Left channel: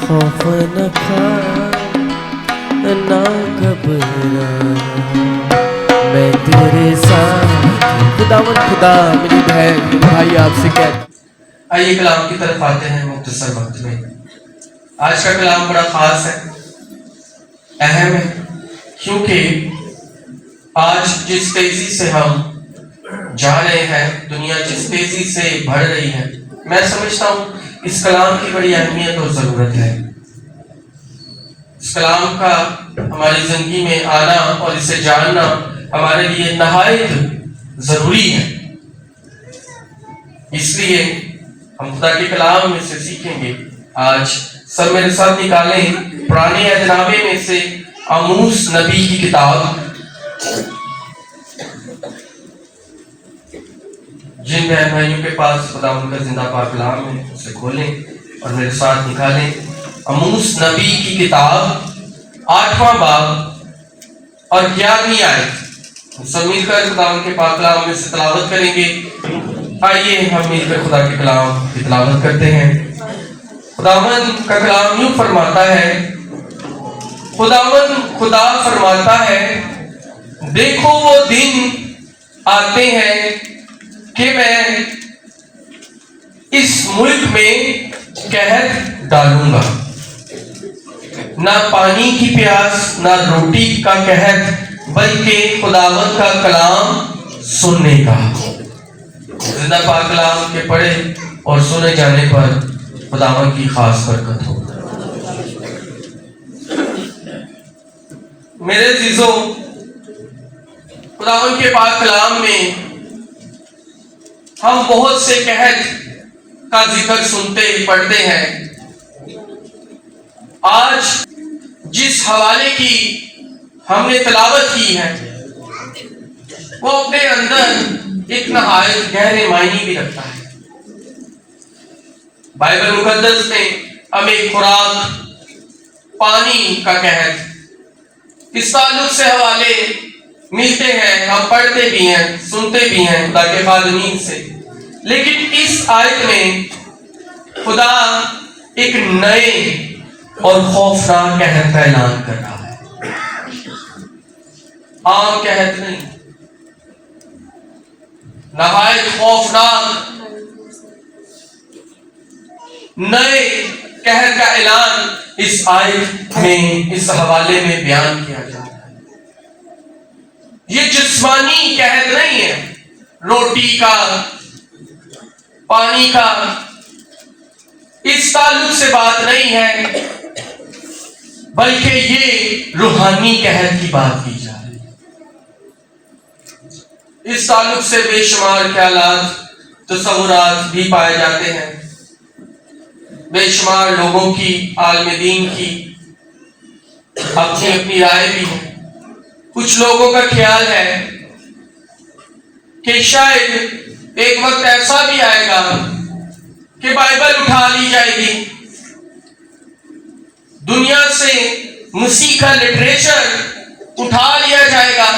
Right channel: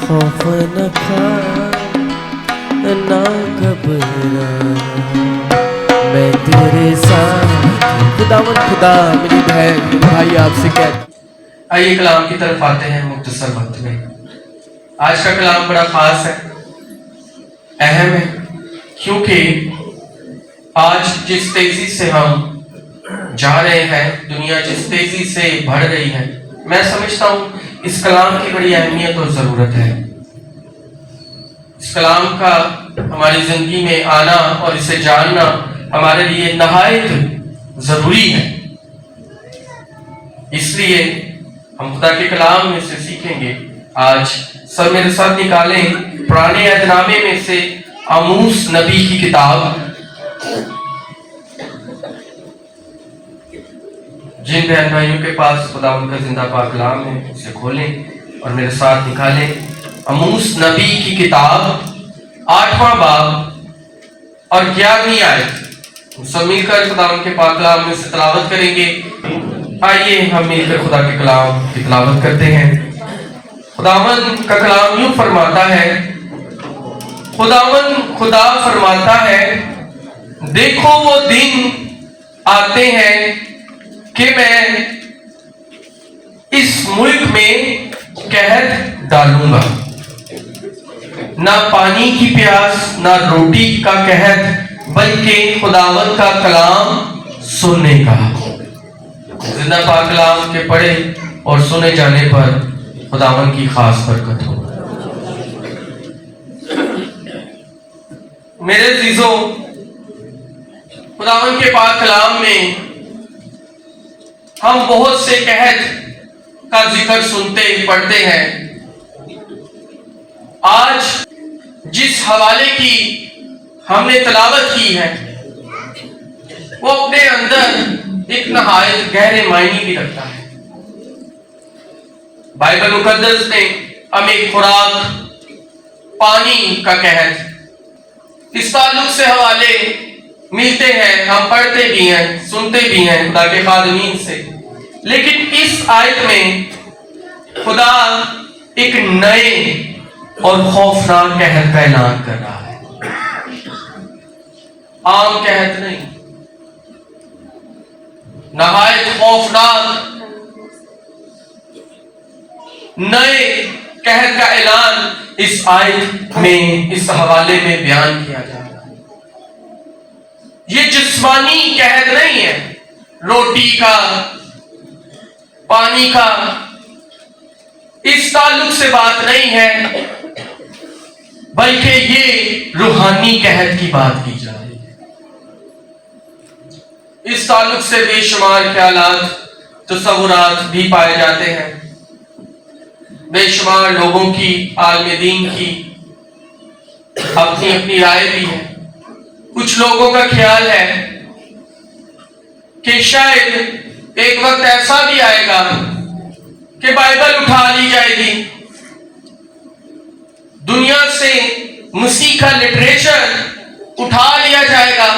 خوف نہ کھا نہ گھبرا میں تیرے ساتھ خداوند خدا میری بہن میرے بھائی آپ سے کہتے آئیے کلام کی طرف آتے ہیں مختصر وقت میں. آج کا کلام بڑا خاص ہے, اہم ہے, کیونکہ آج جس تیزی سے ہم جا رہے ہیں, دنیا جس تیزی سے بڑھ رہی ہے, میں سمجھتا ہوں اس کلام کی بڑی اہمیت اور ضرورت ہے. اس کلام کا ہماری زندگی میں آنا اور اسے جاننا ہمارے لیے نہایت ضروری ہے. اس لیے ہم خدا کے کلام میں سے سیکھیں گے. آج سب میرے ساتھ نکالیں پرانے عہد نامے میں سے آموس نبی کی کتاب. جن بہن بھائیوں کے پاس خدا ان کا زندہ پاک کلام ہے اسے کھولیں اور میرے ساتھ نکالیں آموس نبی کی کتاب 8واں باب اور 11ویں آیت. سب مل کر خدا ان کے پاک کلام میں سے تلاوت کریں گے. آئیے ہم مل کر خدا کے کلام کی تلاوت کرتے ہیں. خداوند کا کلام یوں فرماتا ہے, خداوند خدا فرماتا ہے, دیکھو وہ دن آتے ہیں کہ میں اس ملک میں قحط ڈالوں گا, نہ پانی کی پیاس نہ روٹی کا قحط, بلکہ خداوند کا کلام سننے کا. زندہ پاک کلام کے پڑھے اور سنے جانے پر خداوند کی خاص برکت ہو. میرے عزیزوں, خداوند کے پاک کلام میں ہم بہت سے قحط کا ذکر سنتے پڑھتے ہیں. آج جس حوالے کی ہم نے تلاوت کی ہے وہ اپنے اندر ایک نہایت گہرے معنی بھی رکھتا ہے. بائبل مقدس میں ہمیں خوراک پانی کا قحط اس تعلق سے حوالے ملتے ہیں, ہم پڑھتے بھی ہیں سنتے بھی ہیں خدا کے خادمین سے. لیکن اس آیت میں خدا ایک نئے اور خوفناک قحط کا اعلان کر رہا ہے. عام قحط نہیں, نہایت خوفناک نئے قحط کا اعلان اس آیت میں اس حوالے میں بیان کیا جا رہا ہے. یہ جسمانی قحط نہیں ہے, روٹی کا پانی کا اس تعلق سے بات نہیں ہے, بلکہ یہ روحانی قحط کی بات کی جا رہی ہے. اس تعلق سے بے شمار خیالات تصورات بھی پائے جاتے ہیں. بے شمار لوگوں کی عالم دین کی اپنی اپنی رائے بھی ہے. کچھ لوگوں کا خیال ہے کہ شاید ایک وقت ایسا بھی آئے گا کہ بائبل اٹھا لی جائے گی, دنیا سے مسیح کا لٹریچر اٹھا لیا جائے گا,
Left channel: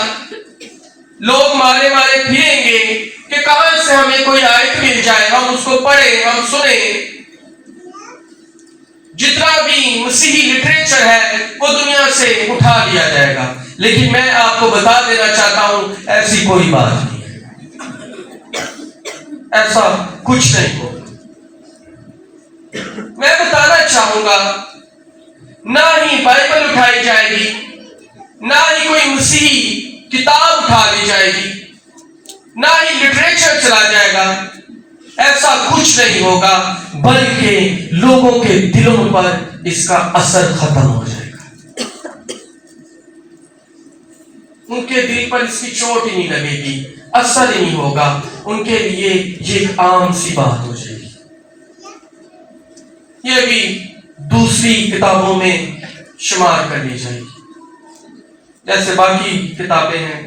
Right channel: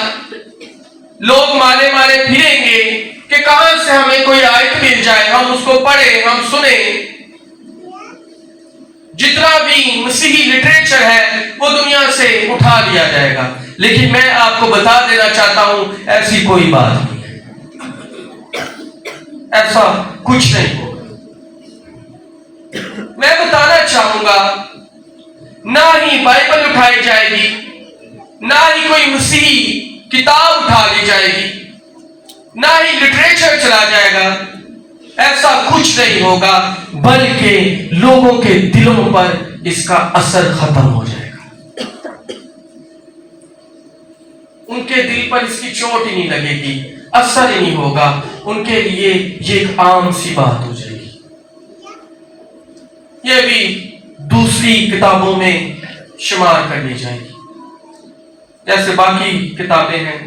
لوگ مارے مارے پھریں گے کہ کہاں سے ہمیں کوئی آیت مل جائے, ہم اس کو پڑھیں ہم سنیں. جتنا بھی مسیحی لٹریچر ہے وہ دنیا سے اٹھا لیا جائے گا. لیکن میں آپ کو بتا دینا چاہتا ہوں ایسی کوئی بات نہیں ہے, ایسا کچھ نہیں ہوگا. میں بتانا چاہوں گا نہ ہی بائبل اٹھائی جائے گی, نہ ہی کوئی مسیحی کتاب اٹھا لی جائے گی, نہ ہی لٹریچر چلا جائے گا. ایسا کچھ نہیں ہوگا, بلکہ لوگوں کے دلوں پر اس کا اثر ختم ہو جائے گا. ان کے دل پر اس کی چوٹ ہی نہیں لگے گی, اثر ہی نہیں ہوگا. ان کے لیے یہ ایک عام سی بات ہو جائے گی. یہ بھی دوسری کتابوں میں شمار کر لی جائے گی. جیسے باقی کتابیں ہیں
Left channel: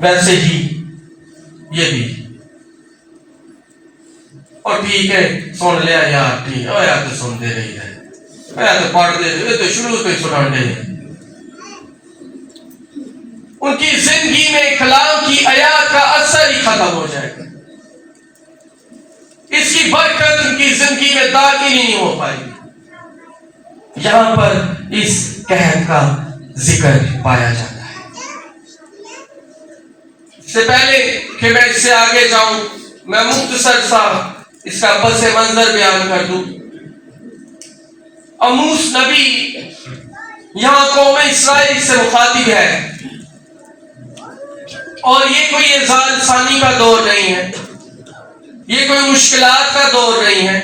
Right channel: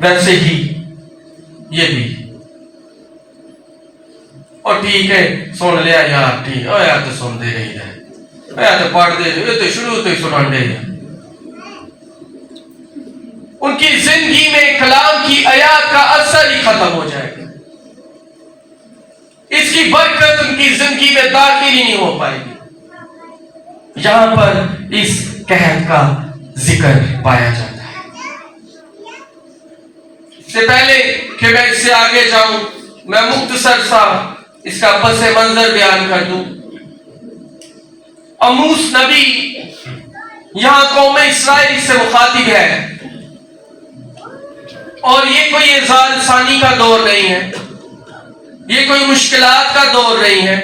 ویسے ہی یہ بھی. اور ٹھیک ہے سن لیا یار, ٹھیک ہے یار, تو سن دے رہی ہے, یار تو پڑھ دے رہے, تو شروع تو ہی سنا دے رہے. ان کی زندگی میں کلام کی آیات کا اثر ہی ختم ہو جائے گا. اس کی برکت ان کی زندگی میں داخل ہی نہیں ہو پائے گی. یہاں پر اس قحط کا ذکر پایا جاتا ہے۔ اس سے پہلے کہ میں اس سے آگے جاؤں، میں مختصر سا اس کا پس منظر بیان کر دوں۔ اموس نبی یہاں قوم اسرائیل سے مخاطب ہے، اور یہ کوئی اعزاز ثانی کا دور نہیں ہے، یہ کوئی مشکلات کا دور نہیں ہے،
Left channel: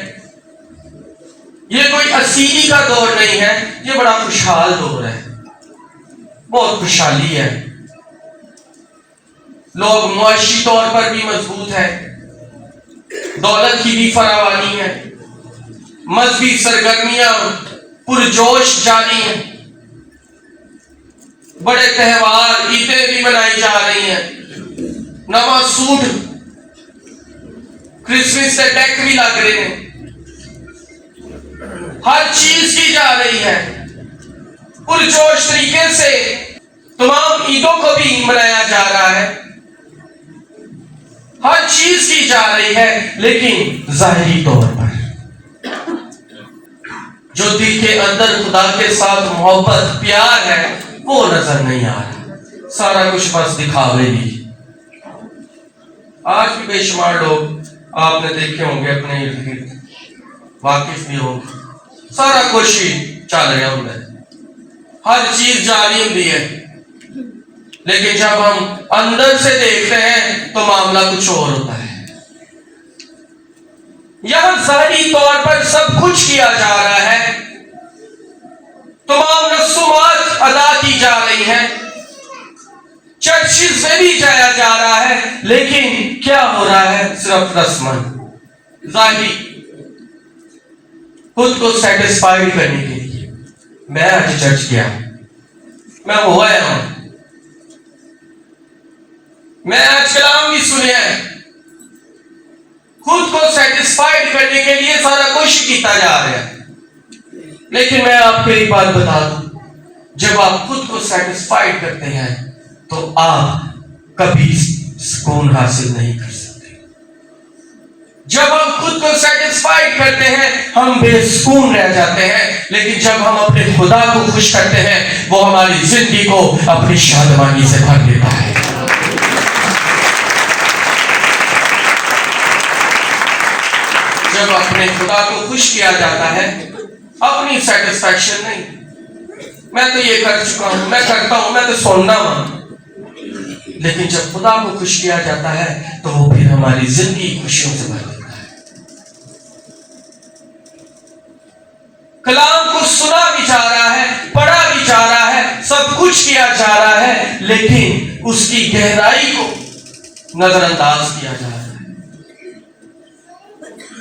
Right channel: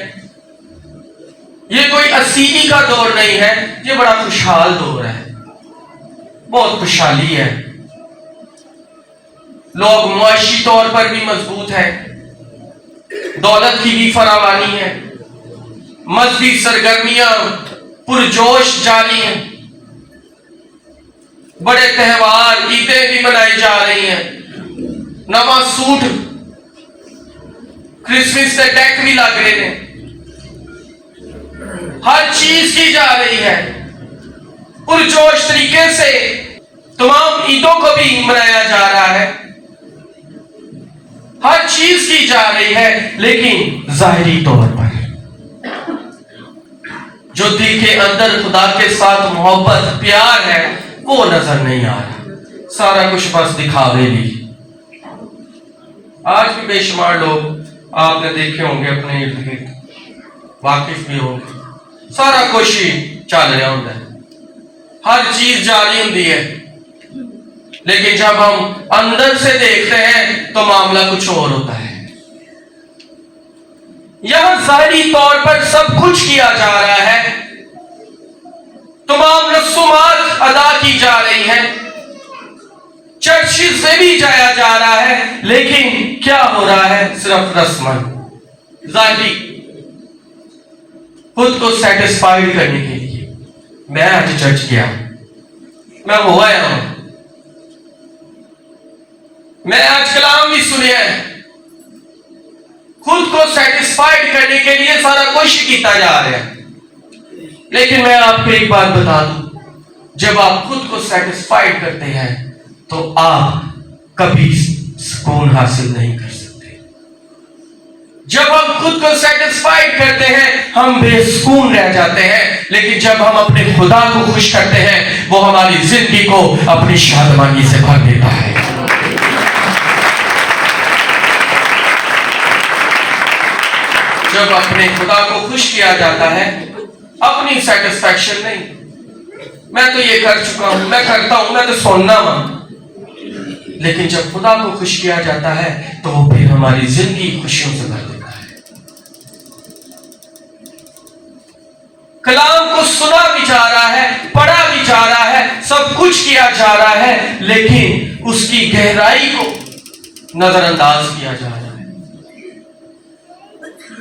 یہ کوئی اسیری کا دور نہیں ہے، یہ بڑا خوشحال دور ہے، بہت خوشحالی ہے۔ لوگ معاشی طور پر بھی مضبوط ہیں، دولت کی بھی فراوانی ہے، مذہبی سرگرمیاں پرجوش جاری ہیں، بڑے تہوار عیدیں بھی منائی جا رہی ہیں، نواں سوٹ کرسمس کے ڈیک بھی لگ رہے ہیں، ہر چیز کی جا رہی ہے پرجوش طریقے سے، تمام عیدوں کو بھی منایا جا رہا ہے، ہر چیز کی جا رہی ہے، لیکن ظاہری طور پر جو دل کے اندر خدا کے ساتھ محبت پیار ہے وہ نظر نہیں آ رہا، سارا کچھ بس دکھاوے لی۔ آج بھی بے شمار لوگ آپ نے دیکھے ہوں گے اپنے ارد گرد، واقف بھی ہوں گے، سارا کچھ ہی چل رہا ہوتا ہے، ہر چیز جاری ہوتی ہے، لیکن جب ہم اندر سے دیکھتے ہیں تو معاملہ کچھ اور ہوتا ہے۔ یہاں ظاہری طور پر سب کچھ کیا جا رہا ہے، تمام رسومات ادا کی جا رہی ہیں، چرچز میں بھی جایا جا رہا ہے، لیکن کیا ہو رہا ہے؟ صرف رسمن ظاہری، خود کو سیٹسفائیڈ کرنے کے لیے میں آج چرچ گیا، میں ہوا ہوں، میں آج کلام بھی سنے ہیں، خود کو سیٹسفائیڈ کرنے کے لیے سارا کچھ کیتا جا رہا ہے، لیکن میں آپ کو ایک بات بتا دوں، جب آپ خود کو سیٹسفائیڈ کرتے ہیں تو آپ کبھی سکون حاصل نہیں کر سکتے۔ جب ہم خود کو سیٹسفائیڈ کرتے ہیں ہم بے سکون رہ جاتے ہیں، لیکن جب ہم اپنے خدا کو خوش کرتے ہیں وہ ہماری زندگی کو اپنی شادمانی سے بھر دیتا ہے۔ جب اپنے خدا کو خوش کیا جاتا ہے، اپنی سیٹسفیکشن نہیں، میں تو یہ کر چکا ہوں، میں کرتا ہوں، میں تو سننا ہوں، لیکن جب خدا کو خوش کیا جاتا ہے تو وہ پھر ہماری زندگی خوشیوں سے بھر دیتا ہے۔ کلام کو سنا بھی جا رہا ہے، پڑھا بھی جا رہا ہے، سب کچھ کیا جا رہا ہے، لیکن اس کی گہرائی کو نظر انداز کیا جا رہا ہے۔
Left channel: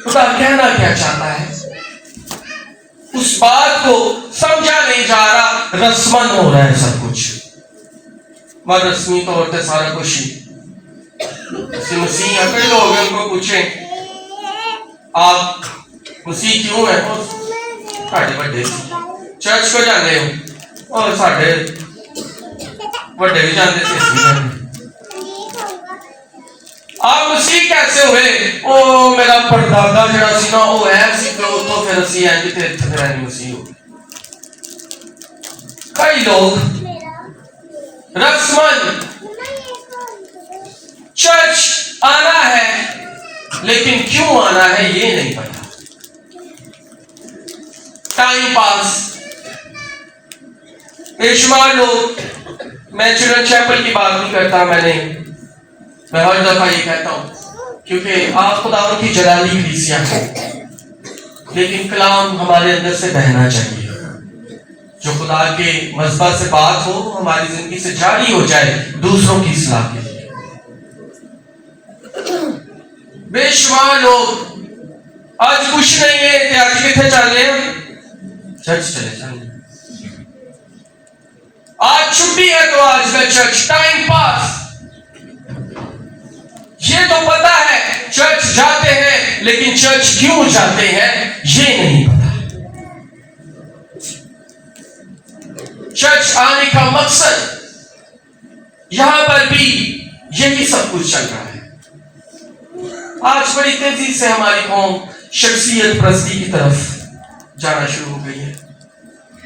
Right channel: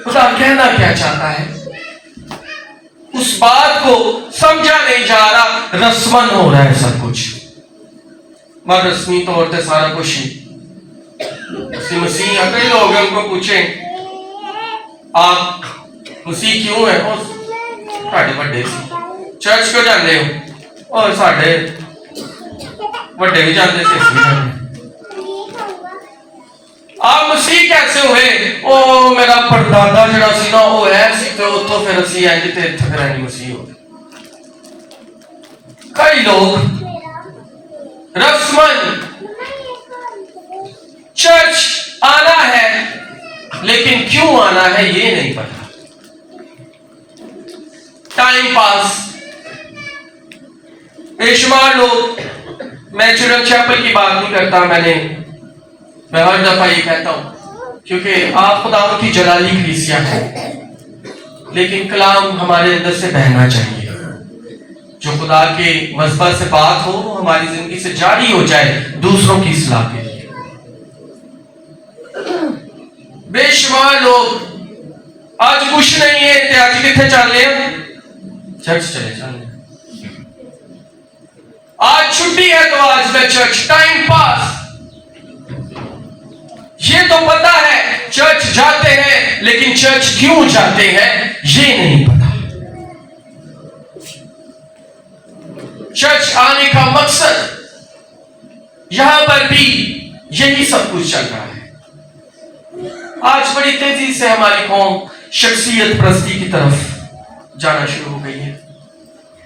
خدا کہنا کیا چاہتا ہے اس بات کو سمجھا نہیں جا رہا، رسمن ہو رہا ہے سب کچھ، مگر رسمی طور پہ سارا کچھ ہی مسیح ہیں۔ کئی لوگ ہیں، ان کو پوچھیں آپ مسیح کیوں ہیں؟ ساڑھے بڑے چرچ کو جانے ہو، اور ساڑھے بڑے بھی جانے سے اس بھی جانے۔ آپ مسیح کیسے ہوئے؟ او میرا پردادا جڑا سی نا وہ ہے سی تے اتوں پھر اسی آئیں جی تے پھر آئیں مسیح ہو۔ کئی لوگ رسمن چرچ آنا ہے، لیکن کیوں آنا ہے یہ نہیں پتا، ٹائم پاس۔ بے شمار لوگ، میں چلڈرن چیپل کی بات نہیں کرتا، میں ہر دفعہ یہ کہتا ہوں کیونکہ آپ خداوند کی جلالی کلیسیا ہے، لیکن کلام ہمارے اندر سے بہنا چاہیے، جو خدا کے مذہب سے بات ہو وہ ہماری زندگی سے جاری ہو جائے دوسروں کی اصلاح کے لیے۔ بے شمار لوگ آج کچھ نہیں ہے کہ آج کتنے چل رہے ہیں؟ چرچ چلے جانے، آج چھٹی ہے تو آج میں چرچ، ٹائم پاس۔ یہ تو پتا ہے چرچ جاتے ہیں، لیکن چرچ کیوں جاتے ہیں یہ نہیں پتا۔ چرچ آنے کا مقصد یہاں پر بھی یہی سب کچھ چل رہا ہے۔ آج بڑی تیزی سے ہماری قوم شخصیت پرستی کی طرف جانا شروع ہو گئی ہے۔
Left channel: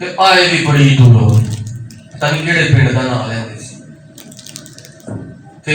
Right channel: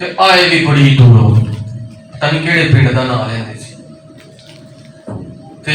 ਤੇ ਆਏ ਵੀ ਬੜੀ ਦੂਰੋਂ, ਪਤਾ ਨਹੀਂ ਕਿਹੜੇ ਪਿੰਡ ਦਾ ਨਾਂ ਲੈਂਦੇ ਸੀ, ਤੇ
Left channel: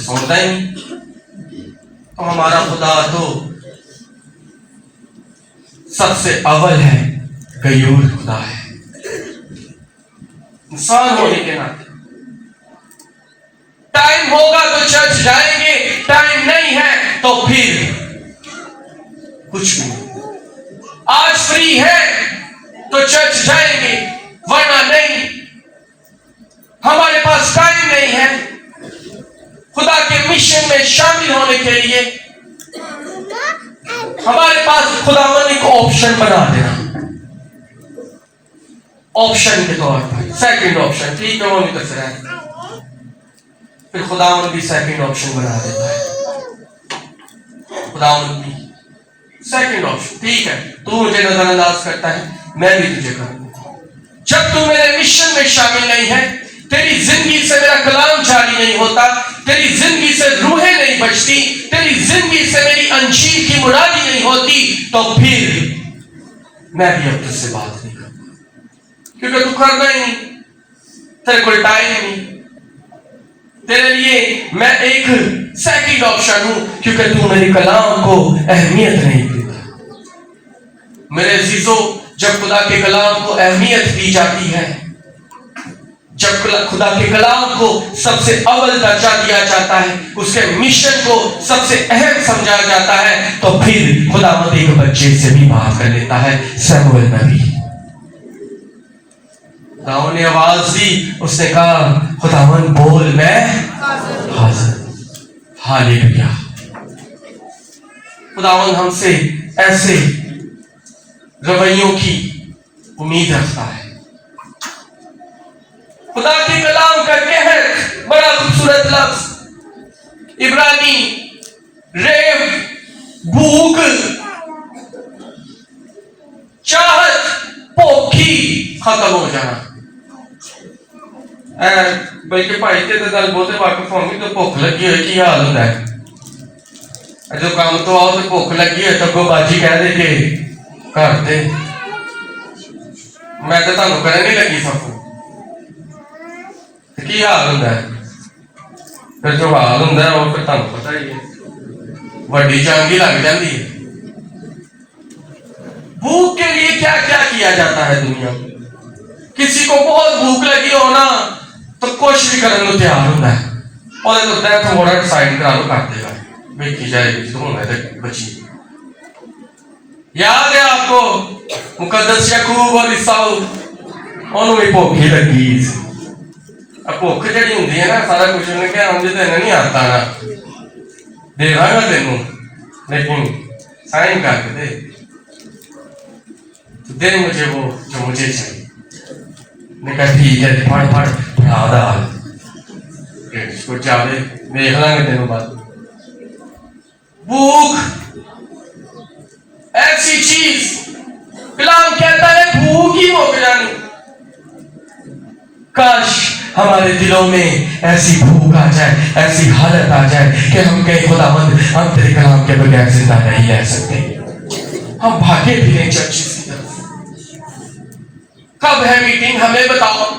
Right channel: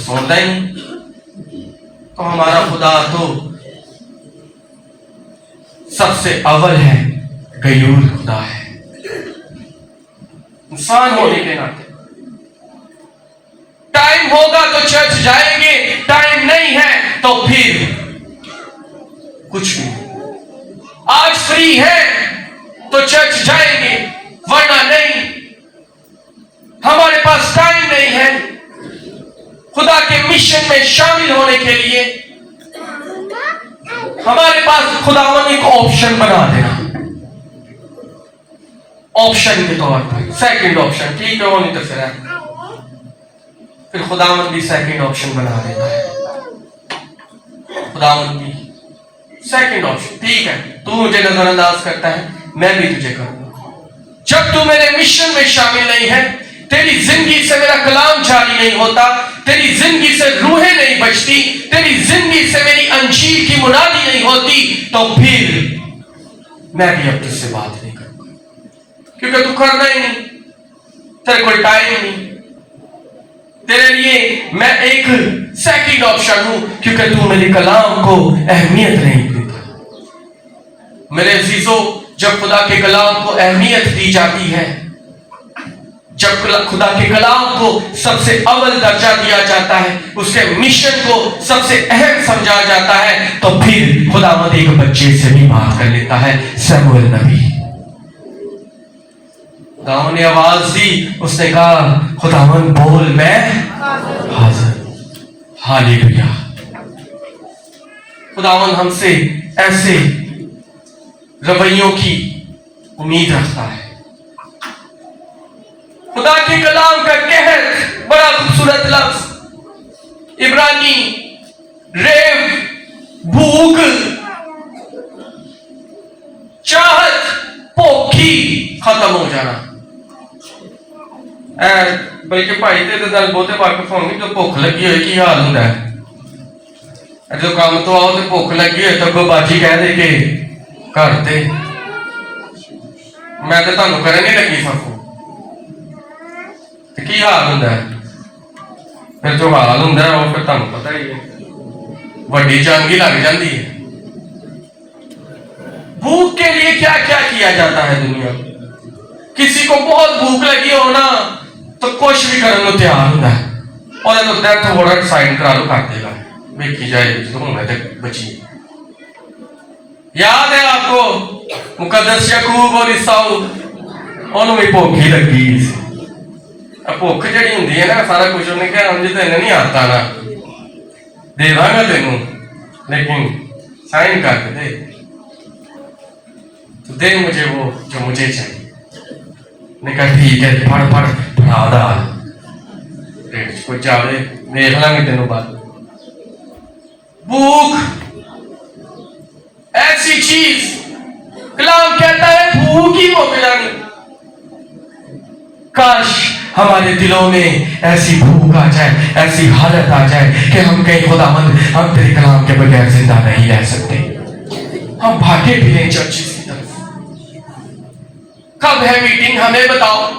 سنتا ہی نہیں. تو ہمارا خدا تو سب سے اول ہے، غیور خدا ہے. انسان ہونے کے ناطے ٹائم ہوگا تو چرچ جائیں گے، ٹائم نہیں ہے تو پھر کچھ بھی نہیں. آج فری ہے تو چرچ جائیں گے، ورنہ نہیں. ہمارے پاس ٹائم نہیں ہے خدا کے مشن میں شامل ہونے کے لیے. ہمارے پاس خداوند ایک آپشن بنا دینا، آپشن کے طور پر سیکنڈ آپشن. ٹھیک ہے، وہ نہیں تو پھر خداوند بھی سیکنڈ آپشن بنا دیتا ہے. خداوند بھی سیکنڈ آپشن. ٹھیک ہے، تو مجھے نظر انداز کرتا ہے، میں بھی تجھے کروں گا. جب تو میرے مشن میں شامل نہیں ہے، تیری زندگی سے میرا کلام جاری نہیں ہوتا، تیری زندگی سے روحیں نہیں بچتی، تیری زندگی سے میری انجیل کی منادی نہیں ہوتی، تو پھر میں بھی اب تجھ سے بات نہیں کروں گا. کیونکہ تو کرنا ہی نہیں، تیرے کوئی ٹائم نہیں. تیرے لیے میں ایک سیکنڈ آپشن ہوں، کیونکہ تو میرے کلام کو اہمیت نہیں دیتا. میرے عزیزوں، جب خدا کے کلام کو اہمیت دی جاتی ہے، جب خدا کے کلام کو سب سے اول درجہ دیا جاتا ہے، اس کے مشن کو سب سے اہم سمجھا جاتا ہے، تو پھر خداوند ایک بچے سے بھی بات کر لیتا ہے، سموئیل نبی. خداوند نے آواز دی، اس نے کہا خداوند بول، میں حاضر. ہالیلویا. خداوند ہم سے ایسے رویوں کی امید رکھتا ہے. خدا کے کلام کا کہر بڑا خوبصورت لفظ، عبرانی ریو، بھوک، چاہت، بھوکی ختم ہو جانا. بلکہ بھائی تے گل بہتے واقف ہوں گے، تو بھوک لگی ہوئی کی حال ہوتا ہے. جو کام تو آؤ تو بھوک لگی ہے، تو باجی کہہ دے کہ گھر تے میں تو تمہیں کرنے نہیں لگی سکوں. کی حال ہوتا ہے پھر؟ جو حال ہوتا ہے وہ پھر تمہیں پتا ہی ہے، وڈی جنگ ہی لگ جاتی ہے. بھوک کے لیے کیا کیا کیا جاتا ہے دنیا میں. کسی کو بہت بھوک لگی ہونا تو کچھ بھی کرنے کو تیار ہوتا ہے، اور تو ڈیتھ وارنٹ سائن کرا لو کر دے گا، دیکھی جائے گی تو ہوگا بچی. یاد ہے آپ کو مقدس یعقوب اور عیساؤ، انہوں بھی بھوک ہی لگی. بھوک جہی ہوں نا، سارا کچھ انہیں کہا مجھے تو نہیں آتا نا، دے دا گا تینوں، لیکن سائن کر کے دے، تو دے مجھے وہ جو مجھے چاہیے. نے کہا ٹھیک ہے، پڑھ پڑھا دا کو چاہے دیکھ لیں گے تینوں بعد. بھوک ایسی چیز، کلام کہتا ہے بھوک ہی ہو جانی. کاش ہمارے دلوں میں ایسی بھوک آ جائے، ایسی حالت آ جائے کہ ہم کہیں خداوند ہم تیرے کلام کے بغیر زندہ نہیں رہ سکتے. ہم بھاگے پھریں چرچز کی طرف. کب ہے میٹنگ ہمیں بتاؤ،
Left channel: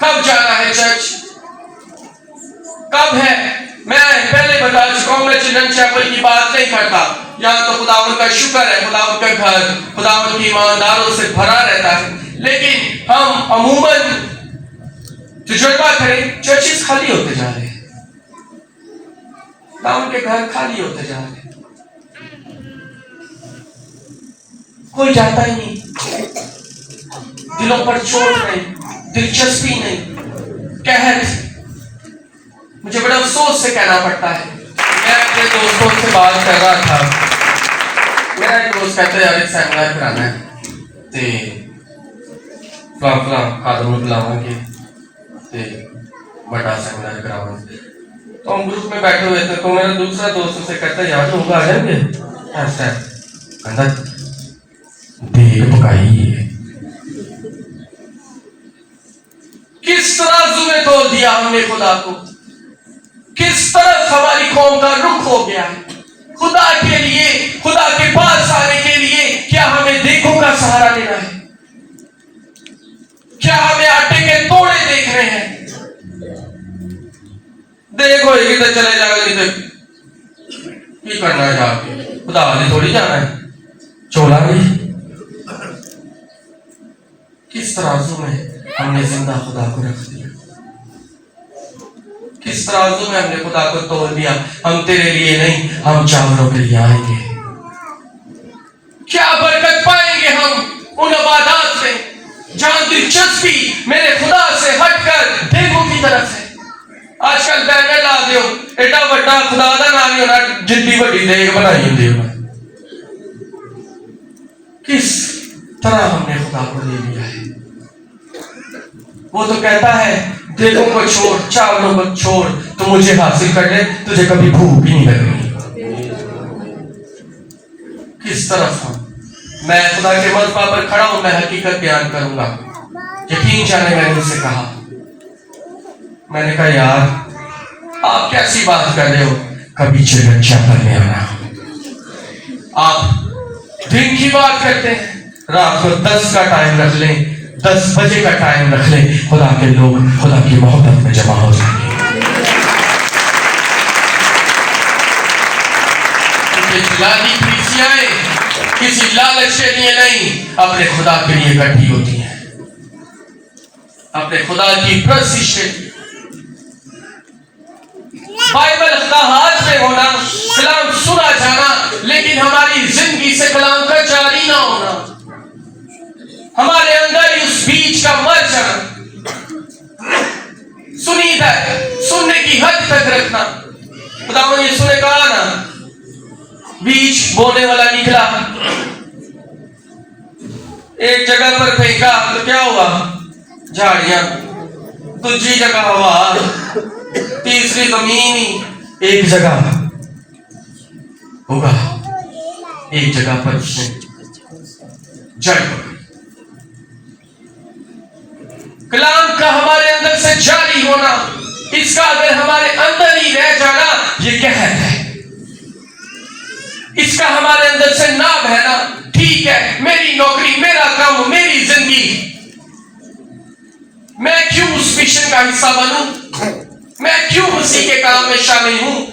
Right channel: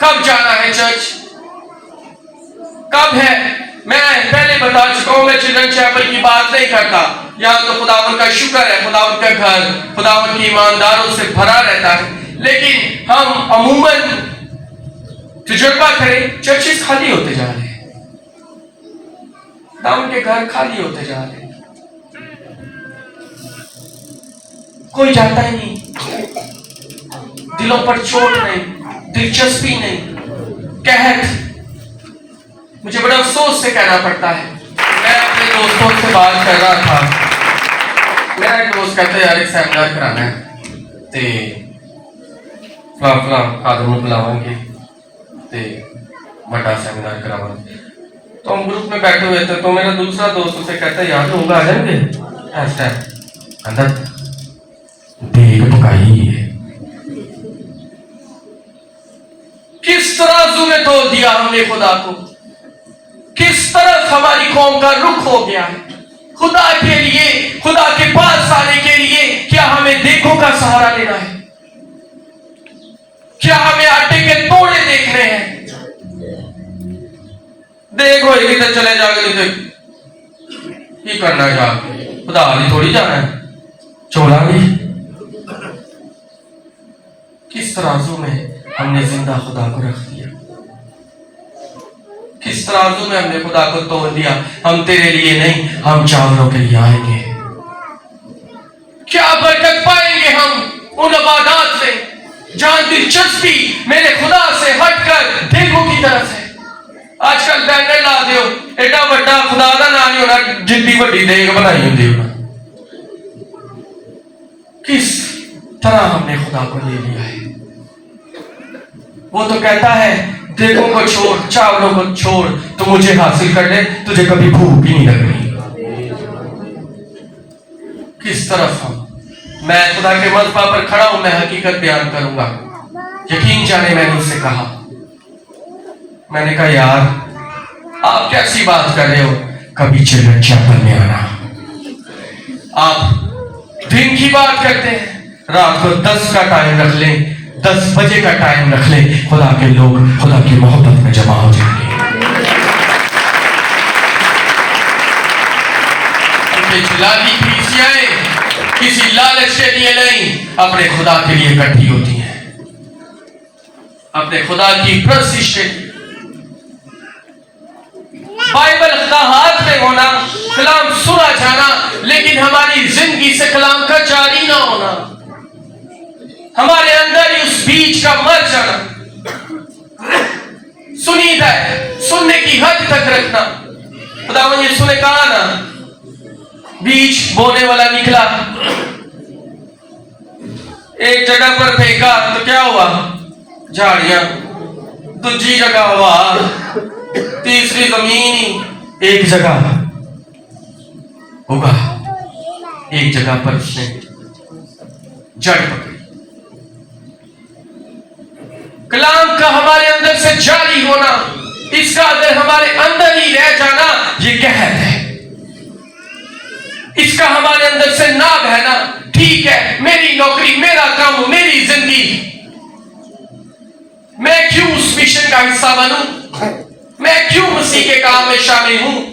کب جانا ہے چرچ، کب ہے؟ میں پہلے بتا چکا ہوں، میں چلڈرن چیپل کی بات نہیں کرتا. یہاں تو خداوند کا شکر ہے، خداوند کا گھر خداوند کی ایمانداروں سے بھرا رہتا ہے، لیکن ہم عموماً تجربہ کریں، چرچز خالی ہوتے جا رہے ہیں، خداوند کے گھر خالی ہوتے جا رہے ہیں، کوئی جاتا ہی نہیں. دلوں پر چوٹ نہیں، دلچسپی نہیں، قحط. مجھے بڑا افسوس سے کہنا پڑتا ہے، میں اپنے دوستوں سے بات کر رہا تھا، میرا ایک دوست کہتا ہے یار ایک سیمینار کرانا ہے، تے فلاں خادم کو بلاواں گے تے بڑا سیمینار کراواں گے. تو ہم گروپ میں بیٹھے ہوئے تھے، تو میرا دوسرا دوست اسے کہتا ہے یار لوگ آ جائیں گے. ایسا کہتا دیگ پکائی ہے. کس طرح میں توڑ دیا ہم نے خدا کو، کس طرح ہماری قوم کا رخ ہو گیا ہے. خدا کے لیے، خدا کے پاس آنے کے لیے کیا ہمیں دیکھوں کا سہارا لینا ہے؟ کیا ہمیں آٹے کے توڑے دیکھ رہے ہیں؟ دیکھ ہوئے گی تو چلے جا گے کی کرنا ہے جا کے خدا نے تھوڑی جانا ہے چولا گئی کس ترازو میں ہم نے زندہ خدا کو رکھ دیا کس ترازو میں ہم نے خدا کو تول دیا ہم تیرے لیے نہیں ہم چاولوں کے لیے آئیں گے کیا برکت پائیں گے ہم ان عبادات سے جہاں دلچسپی میرے خدا سے ہٹ کر دیگوں کی طرف ہے آج کل بینر لا دیو ایڈا بڑا خدا دا نام نہیں ہونا جتنی بڑی دیگ بنائی ہوندی ہونا کس طرح ہم نے خدا کو لے لیا ہے وہ تو کہتا ہے دیگوں کو چھوڑ چاولوں کو چھوڑ تو مجھے حاصل کر لے تجھے کبھی بھوک بھی نہیں لگنی کس طرف ہوں میں خدا کے مذبح پر کھڑا ہوں میں حقیقت بیان کروں گا یقین جانے میں نے اسے کہا میں نے کہا یار آپ کیسی بات کر رہے ہو کبھی چلچا پڑھنے آنا آپ دن کی بات کرتے ہیں رات کو 10 کا ٹائم رکھ لیں 10 بجے کا ٹائم رکھ لیں خدا کے لوگ خدا کی محبت میں جمع ہو جائیں گے جلالی پیسیاں کسی لالچ کے لیے نہیں اپنے خدا کے لیے اکٹھی ہوتی ہیں اپنے خدا کی پرستش کے لیے بائبل کا ہاتھ میں ہونا کلام سنا جانا لیکن ہماری زندگی سے کلام کا جاری نہ ہونا ہمارے اندر اس بیج کا مر جانا سنیدہ ہے سننے کی حد تک رکھنا خدا نے یہ سنے کہا نا بیج بونے والا نکلا ایک جگہ پر پھینکا تو کیا ہوا جھاڑیاں دوسری جگہ ہوا تیسری زمین ایک جگہ ہوگا ایک جگہ پر اس نے جڑ پکڑی کلام کا ہمارے اندر سے جاری ہونا اس کا اگر ہمارے اندر ہی رہ جانا یہ قحط ہے اس کا ہمارے اندر سے نہ بہنا ٹھیک ہے میری نوکری میرا کام میری زندگی میں کیوں اس مشن کا حصہ بنوں میں کیوں مسیح کے کام میں شامل ہوں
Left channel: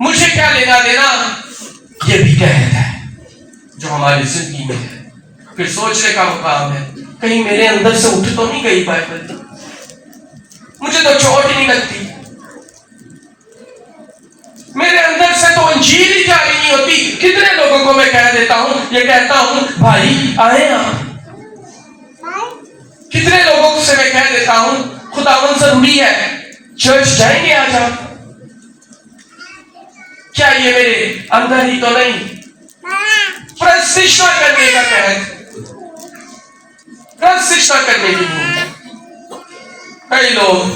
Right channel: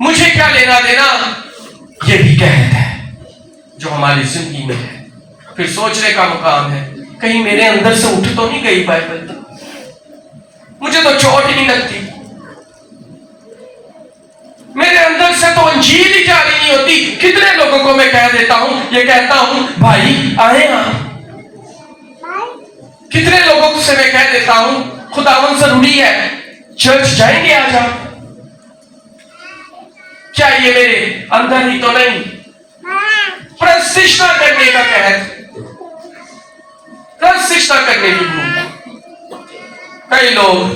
مجھے کیا لینا دینا یہ بھی قحط ہے جو ہماری زندگی میں ہے پھر سوچنے کا مقام ہے کہیں میرے اندر سے اٹھ تو نہیں گئی بائبل مجھے تو چوٹ ہی نہیں لگتی میرے اندر سے تو انجیل ہی جاری نہیں ہوتی کتنے لوگوں کو میں کہہ دیتا ہوں یہ کہتا ہوں بھائی آئے نا کتنے لوگوں سے میں کہہ دیتا ہوں خداوند ضروری ہے چرچ جائیں گے آج آپ کیا یہ میرے اندر ہی تو نہیں پرستش نہ کرنے کا قحط پرستش نہ کرنے کی بھوک کئی لوگ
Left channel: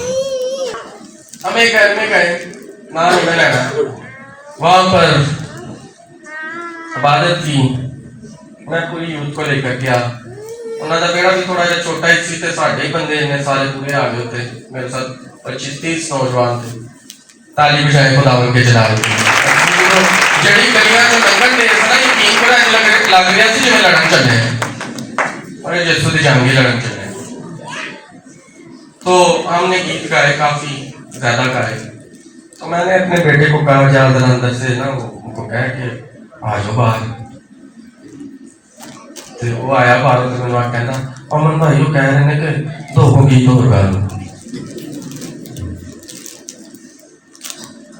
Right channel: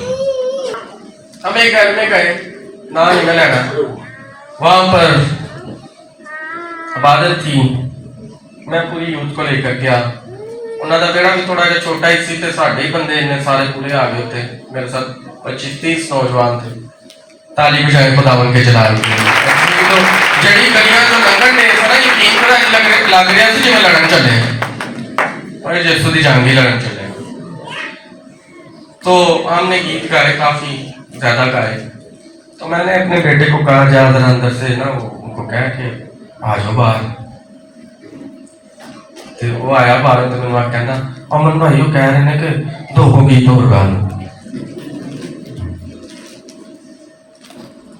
ہمیں گھر میں گئے نہ میں لینا وہاں پر عبادت تھی میں پوری یوتھ کو لے کر گیا انہوں نے میرا بھی تھوڑا جا چھوٹا ہی سی تھے ساڑھے ہی بندے انہیں سارے پورے آگے ہوتے میرے ساتھ 25-30 نوجوان تھے تالی بجائے خداوند کے جلال کی جڑی گلیاں تو لنگن نے اس طرح یقین کرا لگ رہا تھا جو میں لڑن چل رہے ہیں اور جیسو دی جانگی لڑن چل رہے ہیں تو ہم نے گیت گائے کافی زیادہ گائے تو میں نے اپنے بیٹے کو کہا جا اندر سے نا ان کو کہا کہ آ جاؤ باہر وہ آیا باہر تو میں کہنا امن بھائی وہ کہہ رہے ہیں کہ 2 گیت اور گا لوں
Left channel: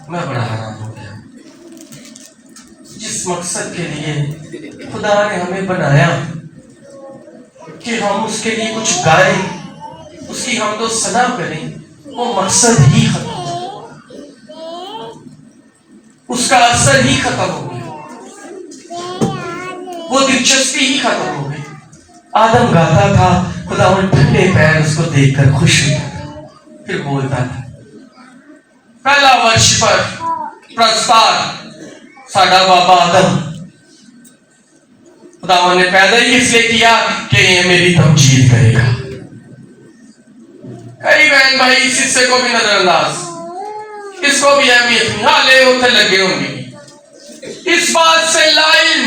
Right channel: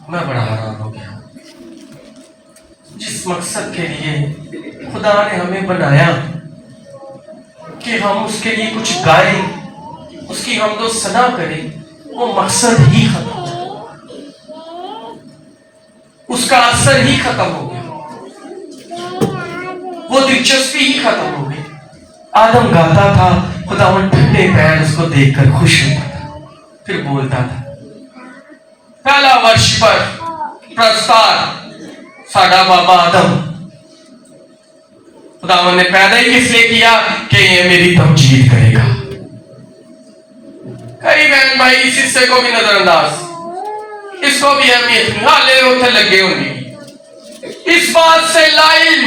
میں بڑا حیران ہو گیا جس مقصد کے لیے خدا نے ہمیں بنایا کہ ہم اس کے لیے کچھ گائیں اس کی حمد و ثنا کریں وہ مقصد ہی ختم ہو اس کا اثر ہی ختم ہو گیا وہ دلچسپی ہی ختم ہو گئی آدم گاتا تھا خداوند ٹھنڈے پیر اس کو دیکھ کر خوش ہوتا تھا پھر بولتا تھا پہلا ورشپر پرستار ساڈا بابا آدم خداوند نے پیدا ہی کس لیے کیا کہ یہ میری تمجید کرے گا کئی بہن بھائی اس حصے کو بھی نظر انداز اس کو بھی اہمیت نہیں حالے ہوتے لگے ہوں گے اس بات سے لا علم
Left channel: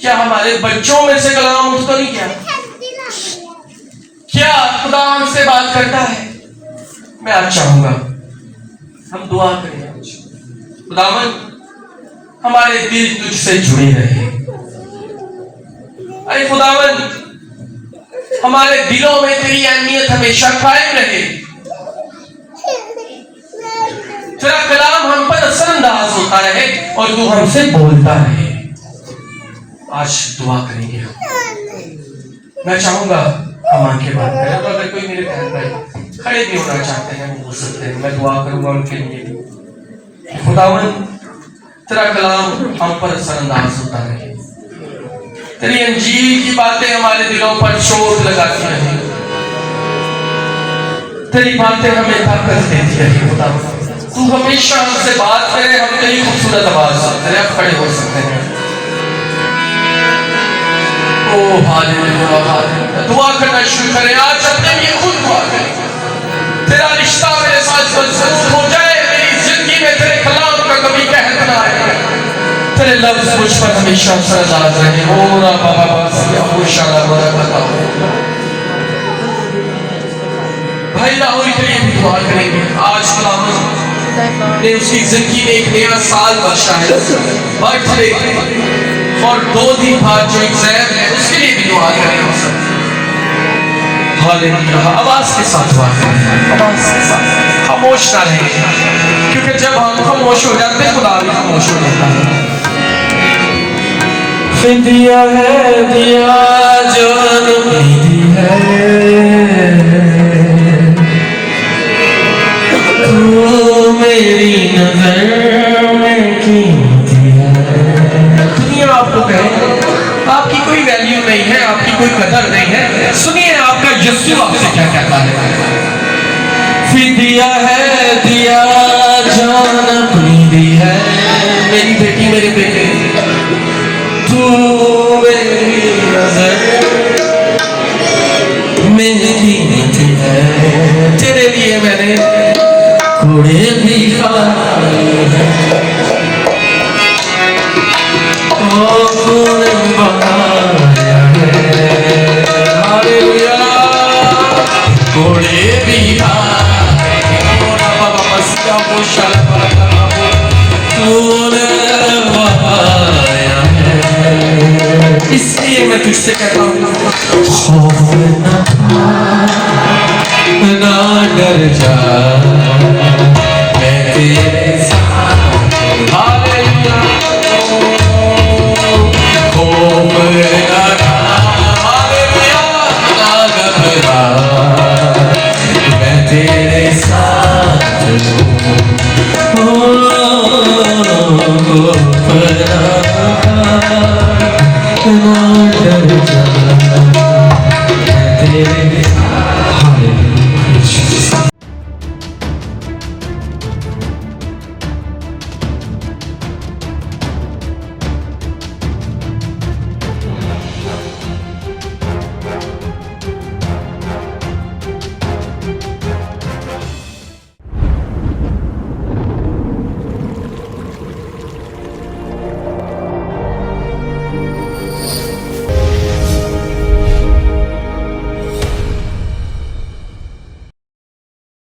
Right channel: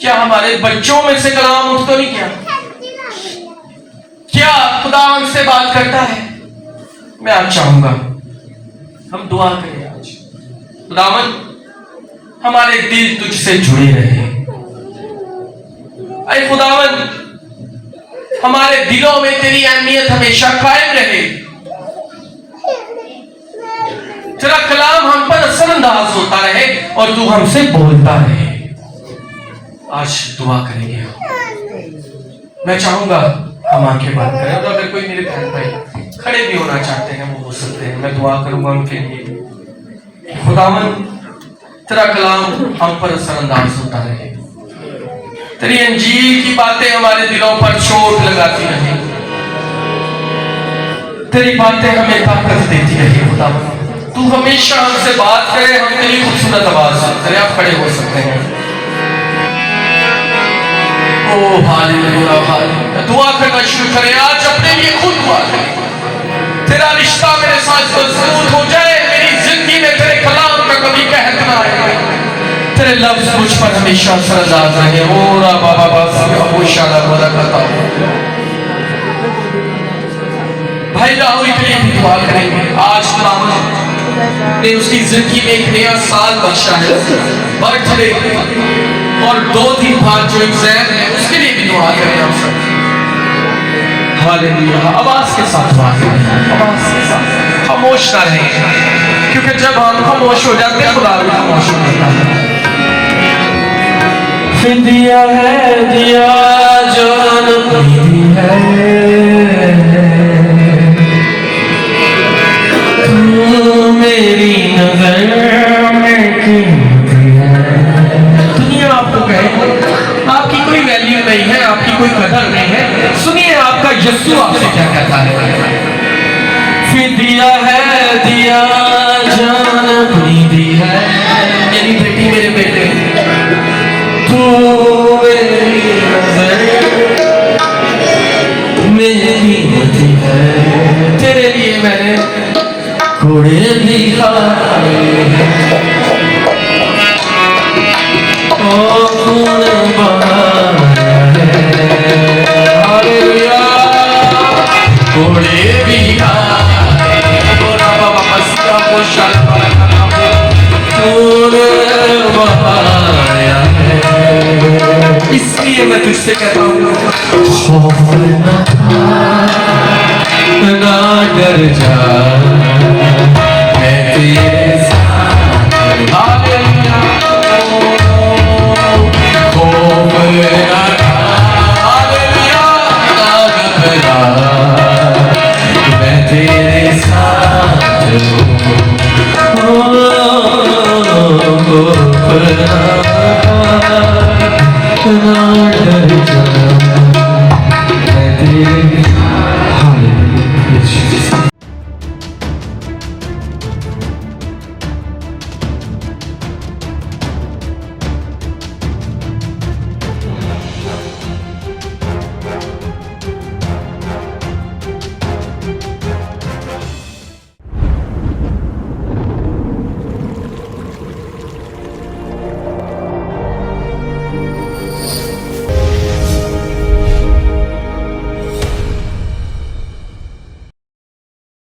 کیا ہمارے بچوں میں سے کلام اٹھ تو نہیں کیا؟ کیا خدا ہم سے بات کرتا ہے؟ میں آج چاہوں گا ہم دعا کریں آج، خداوند ہمارے دل تجھ سے جڑے رہے، اے خداوند ہمارے دلوں میں تیری اہمیت ہمیشہ قائم رہے، تیرا کلام ہم پر اثر انداز ہوتا رہے اور تو ہم سے بولتا رہے۔ آج دعا کریں گے ہم، میں چاہوں گا ہم آنکھیں بند کریں، اور اگر کوئی میرے بہن بھائی کھڑے بھی ہونا چاہتے ہیں وہ ہو سکتے ہیں، میں دعا کروں گا ان کے لیے کہ خداوند تیرا کلام ہم پر اثر انداز ہوتا رہے، تیری انجیل کی باتیں ہمارے دلوں پر چوٹ لگاتی رہیں، تیری باتیں ہمیں طاقت دیتی رہی۔ خداوند تو ہمیشہ ہم سے بات کرے، ہم تیری خوبصورت آواز کرے۔ آپ کھڑے ہو سکتے ہیں۔ او ہاللویا ہاللویا، دعا کرنا شروع کریں، آج اپنے لیے خود دعا کریں، تیرا رشتہ میرے ساتھ مضبوط ہو جائے، میری زندگی میں تیرے کلام کا کبھی قحط نہ آئے، تیرے لفظ مجھ پر ہمیشہ اثر انداز رہے۔ اورا بابا بابا شالا بورا کرتا بھائی راہل کے لیے بھی دعا کریں گے۔ آج خداوند نے اس کی زندگی میں ایک نیا سال بخشا ہے، برتھ ڈے اور 2 دن بعد جو ایگزام ہے اس کے لیے بھی دعا کریں ہم سب۔ ہاللویا، آواز کے ساتھ دعا کریں، آواز کے ساتھ، خاموش نہ رہیں، کیونکہ جب ہم خاموش ہو جاتے ہیں خدا بھی خاموش ہو جاتا ہے۔ فدیہ ہے دیا جان دی ہے، تو میری نظر میں قیمتی ہے۔ دنیا آپ کو کہے آپ کی کوئی ویلیو نہیں ہے، آپ کی کوئی قدر نہیں ہے، سنیے آپ کا یسوع آپ سے کیا کہتا ہے۔ فدیہ ہے دیا جان اپنی دی ہے،